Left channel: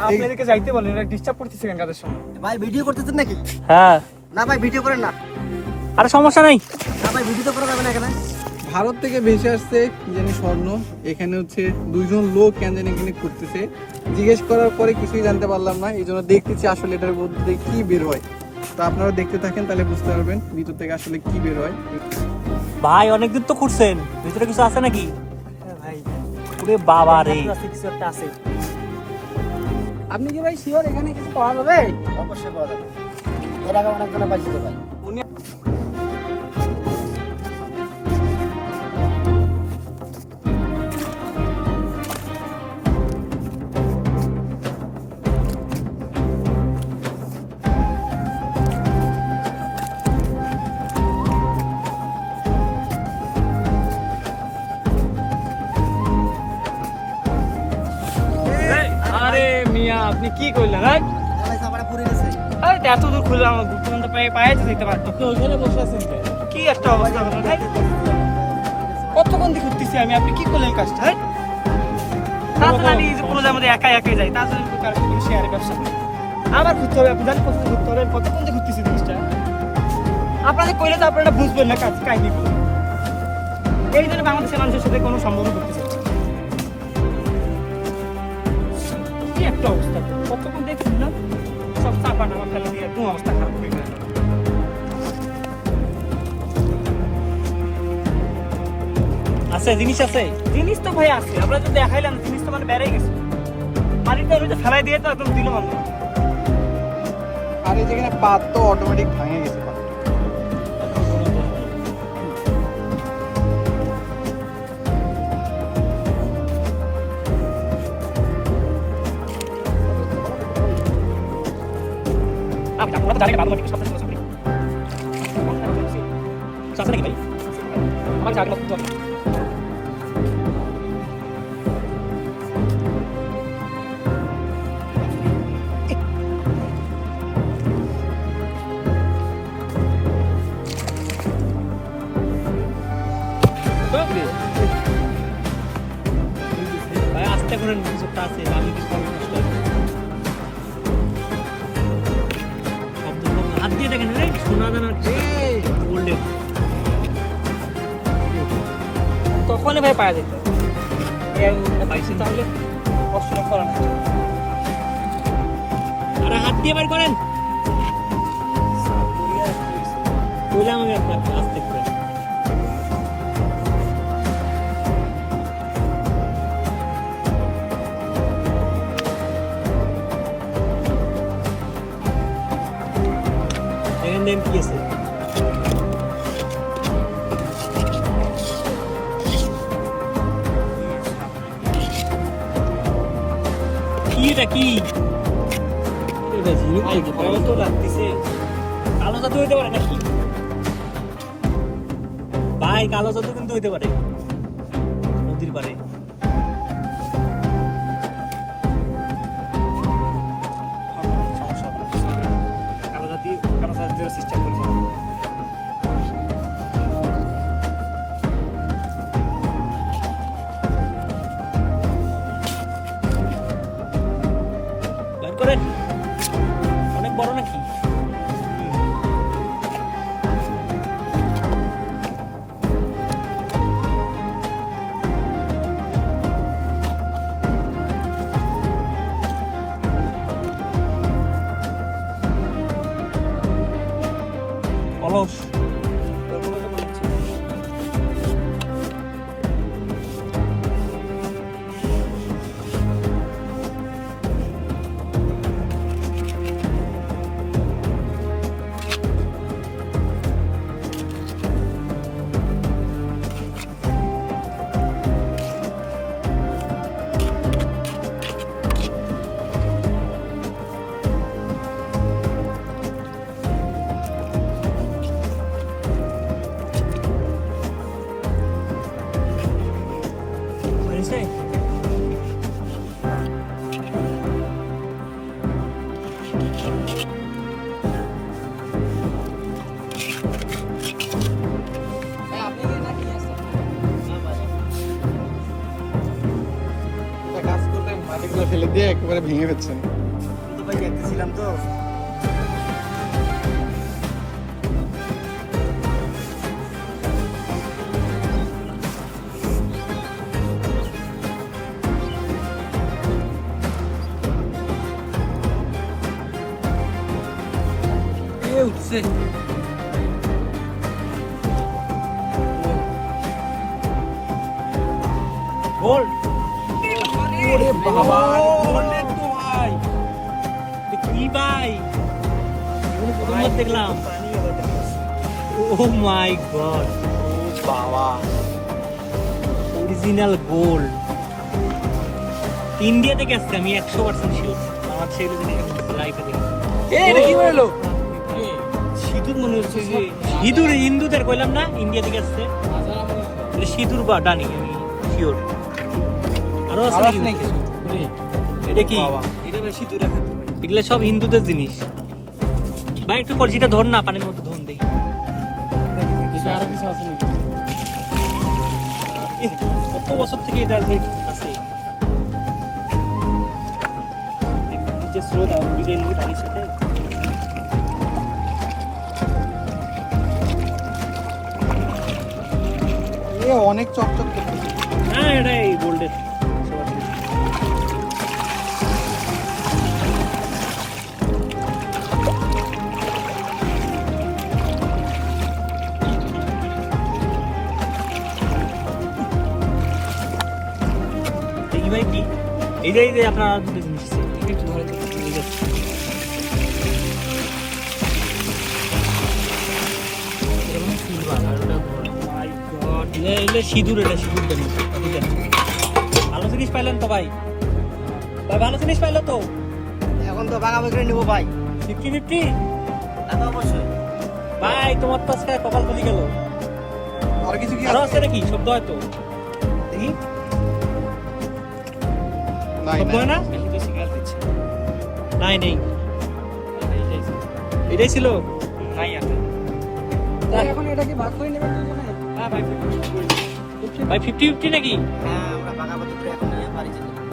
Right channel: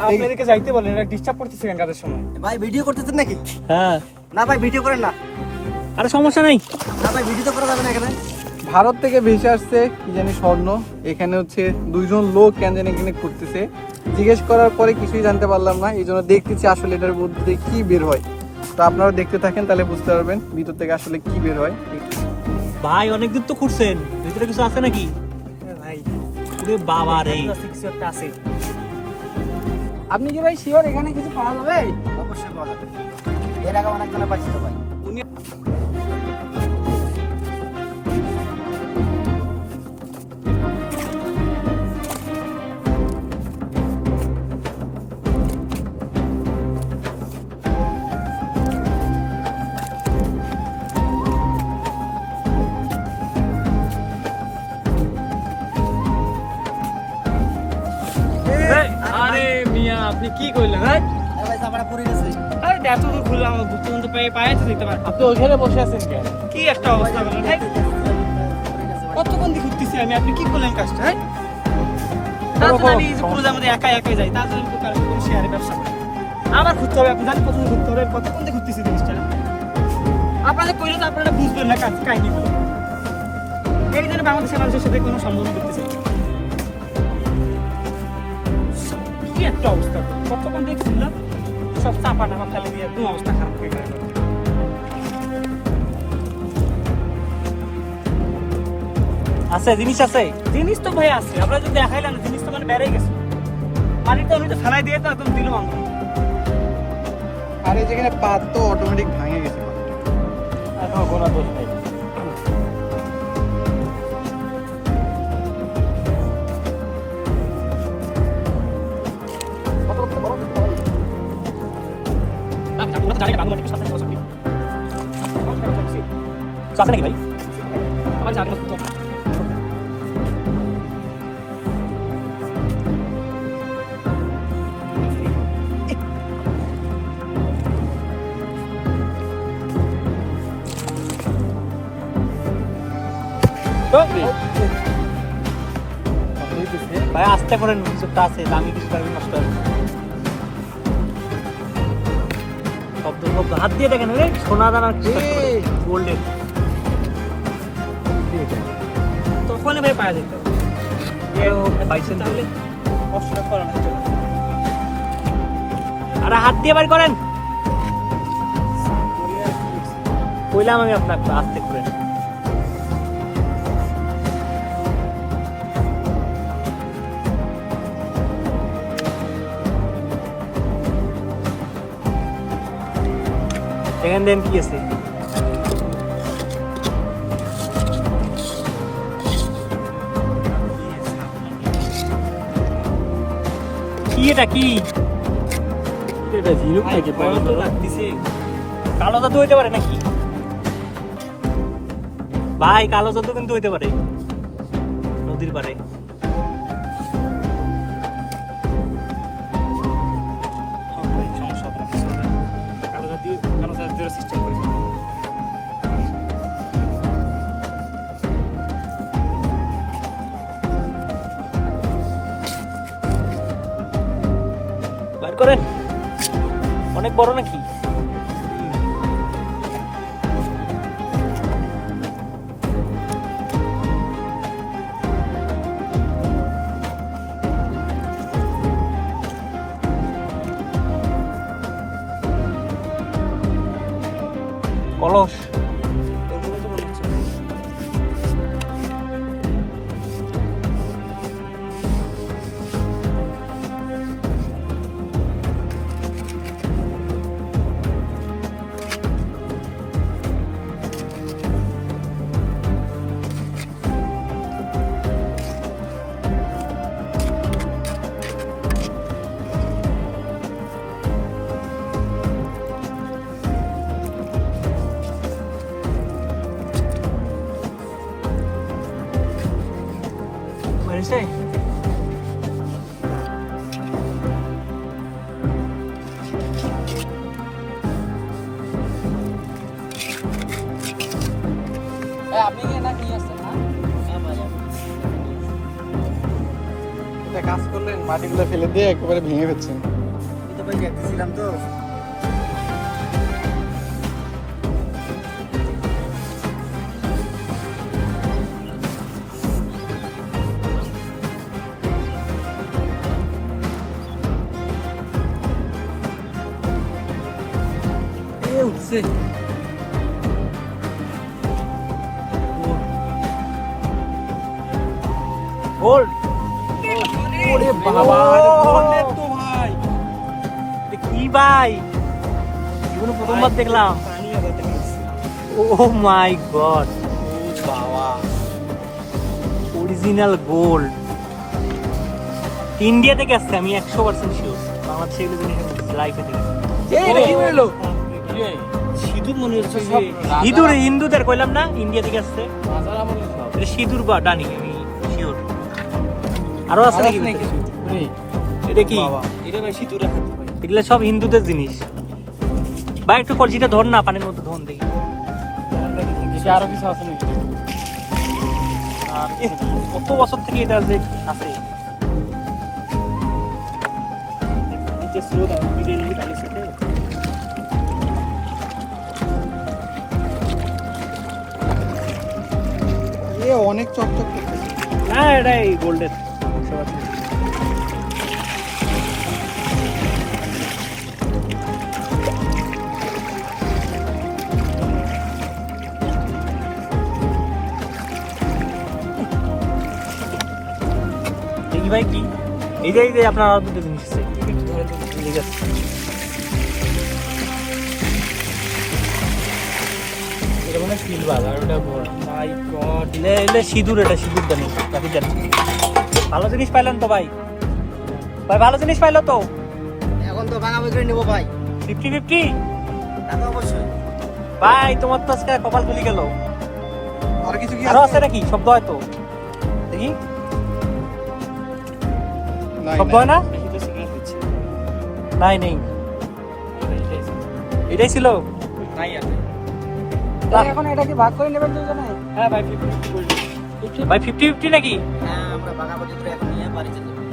আপনি এদিকে যাইতে বলেন, এটা ডিস্টার্ব করতেছে কেন কাজের সময়? ভাই ভিডিও করতেছেন নাকি? হ্যাঁ। না ভাই ভিডিও করেন না। আরে সমস্যা নাই। না ভাই ভিডিও তো করা যাবে না এখানে। ভারত থেকে ভেসে আসছে কি জানি স্বর্ণ, এখানে হচ্ছে দুইজন লোক কেন জানি এখানে করতেছে। জিজ্ঞেস করার পরে কিছুই জানতে পারলাম না, এই জন্য দেখতেছি আসলে এটার মধ্যে কি বের হয়। তো আপনারা দেখতে থাকেন, তাহলে বুঝতে পারবেন ভিতর থেকে আসলে কি বের হয়। ভাই অনেক দূর তো খুঁড়ছেন, ভিতরে কিছু আছে নাকি? ভাই ওরে বাবা রে, কিছু একটা আছে। আপনি কি ভাই শিওর এখানে কিছু পাওয়া যাবে? অবশ্যই পাওয়া যাবে। এর আগে অনেকজনে পাইছে তো ভাই। আরে মিয়া আপনি কি কইলেন? হ্যাঁ ভাই চাপাটা পুড়ে গেছে। আরে এত দূর খুললাম, আমার বুক পর্যন্ত পায়ে যেতে পারতো। আপনি ওইখানে বসে আছেন কেন? কি একটা অবস্থা! কতক্ষণ দিয়ে ঘুরতেছি আমি, আপনি কি করলেন কাজটা? হ্যাঁ তাছাড়া আমি এই যে পুরো আমাদের একাই একাই যাই, তাছাড়া আমি কারোর সাথে কোনো শেয়ারে ব্যবসা করি। আবার ঘুরতে হবে, আপনি জানেন কতদিন ঘুরতে হবে, আমি কতক্ষণ দিয়ে ঘুরতেছি জিনিসটা। আপনাদের কইলে তো আপনারা বুঝবেন না কাজ কাহিনীগুলো। এই জন্য বাংলাদেশের মানুষের সাথে কোনো সম্বোধন করতেছে না। কি একটা অবস্থা! কতক্ষণ দিয়ে ঘুরলাম, সব চাপা নামা ফেলে দিয়ে একদম অবস্থা খারাপ হয়ে গেল। আছে জিনিস আছে, জিনিস তো ভাই আছে, আমরা যদি দেখাইলাম জিনিস তো মানে বেড়ে গেছে। পানিটা ওই তো ফেলাই দিয়ে তো একদম দিল বন্ধ। আর এই যেখানে পাত তো অটোমেটিক ভাঙে যেতে পারে। এখনো কোনো দোষ নেই। আছে নাকি ভাই? আমার গাড়ি মতো ভাই আস্তে করেন, কিছুটা আছে দামি, কিছু নষ্ট হবে। শব্দ শব্দ হাত দিয়ে দেখেন, সোনা দানার গোল্ডেন তখনই ভাই পাওয়া যেত। পাইছেন তাহলে কষ্টটা করেন, আরে হাত দিয়ে বাইর করেন। কইলাম আমি আপনাকে আস্তে করে। দেখেন দেন কি আছে। কি এটা কি? এটা ঝিনুক ভাই, ভয় তো লাগতেছে। কালো জাদু হইতে পারে নাকি ভাই? কালো জাদু কিন্তু হইতে পারে নদীর পারে। সমস্যা হবে না। কালো জাদু সিস্টেম করে বার করেন। অনেক বড় নাকি? কলস ওইগুলো তো মনে হচ্ছে ভাই। মাটিগুলো ফেলে দিয়ে একেবারে ভেঙে ফেলছেন। আমি তো ভাই দেখতেছিলাম তো। উঠছে গোল্ড ওরে বাবা, গোল্ডের তো ভাই, এ কি ভাই, এগুলো প্রথমবার দেখলাম। পানি আবার দেখা যাচ্ছে। ও মাই গড, ও বাবা, অরিজিনাল গোল্ড। ইন্ডিয়া থেকে আসছে, আমি 100% শিওর। বাংলাদেশে এগুলো জিনিস লাইফে দেখি। এটা কি হলো? সিঁদুর মনে হচ্ছে যে হিঁদুর, হিন্দুদের কইলাম না, ইন্ডিয়া থেকে আসছে। এটা সিঁদুর বা ডানি, আমি শিওর। আরো আছে নাকি ভিতরে? এটা কি? বাবা। এটা ভাই সিঁদুর হাত ভাই। এগুলো সব হিন্দুদের জিনিস। ভাই একটু কলসিটা ধর না, পানির মধ্যে ধন দেখি। আরো কিছু আছে নাকি? এহ, কত বছর থেকে এটা যে আছে। নিচে স্রোত আর নদীতে নিয়ে পানির সাথে। এ অনেক চকচক করতেছে। না এটা এই গোল্ডের। দেখি ভাই কি এইটাই যে আপনার আর দুটো জিনিস আছে। ঠিক আছে, এটা মানে সিলভার আর ওটা গোল্ড। মাই গড, এলে সিঁদুর, এটা সিঁদুর জানি, বাকি জানি। ভালো জিনিস পাইলেন তো ভাই, ভাই ভালো জিনিস পাইলো তো। এখন তো ভাঙা করে নিবো ভাই। 50-50 তা তো অবশ্যই। ভাই, তোমার তো আজকে কপাল খুলি গেল। আর কিছু কি আরো আছে নাকি? শব্দ হয় তো, দেখি নাই, শব্দ হয় নাই। না? নাই নেই, এটাই ছিল। নাই আর ভাই। এখন এটা কি ভাগ করে নেবেন দুজনে? হ্যাঁ ভাই, 50-50 ভাই, 50-50 নাকি? হ্যাঁ আমরা ভাগাভাগি করে এখন নিয়ে বাড়ি যেতে পারি।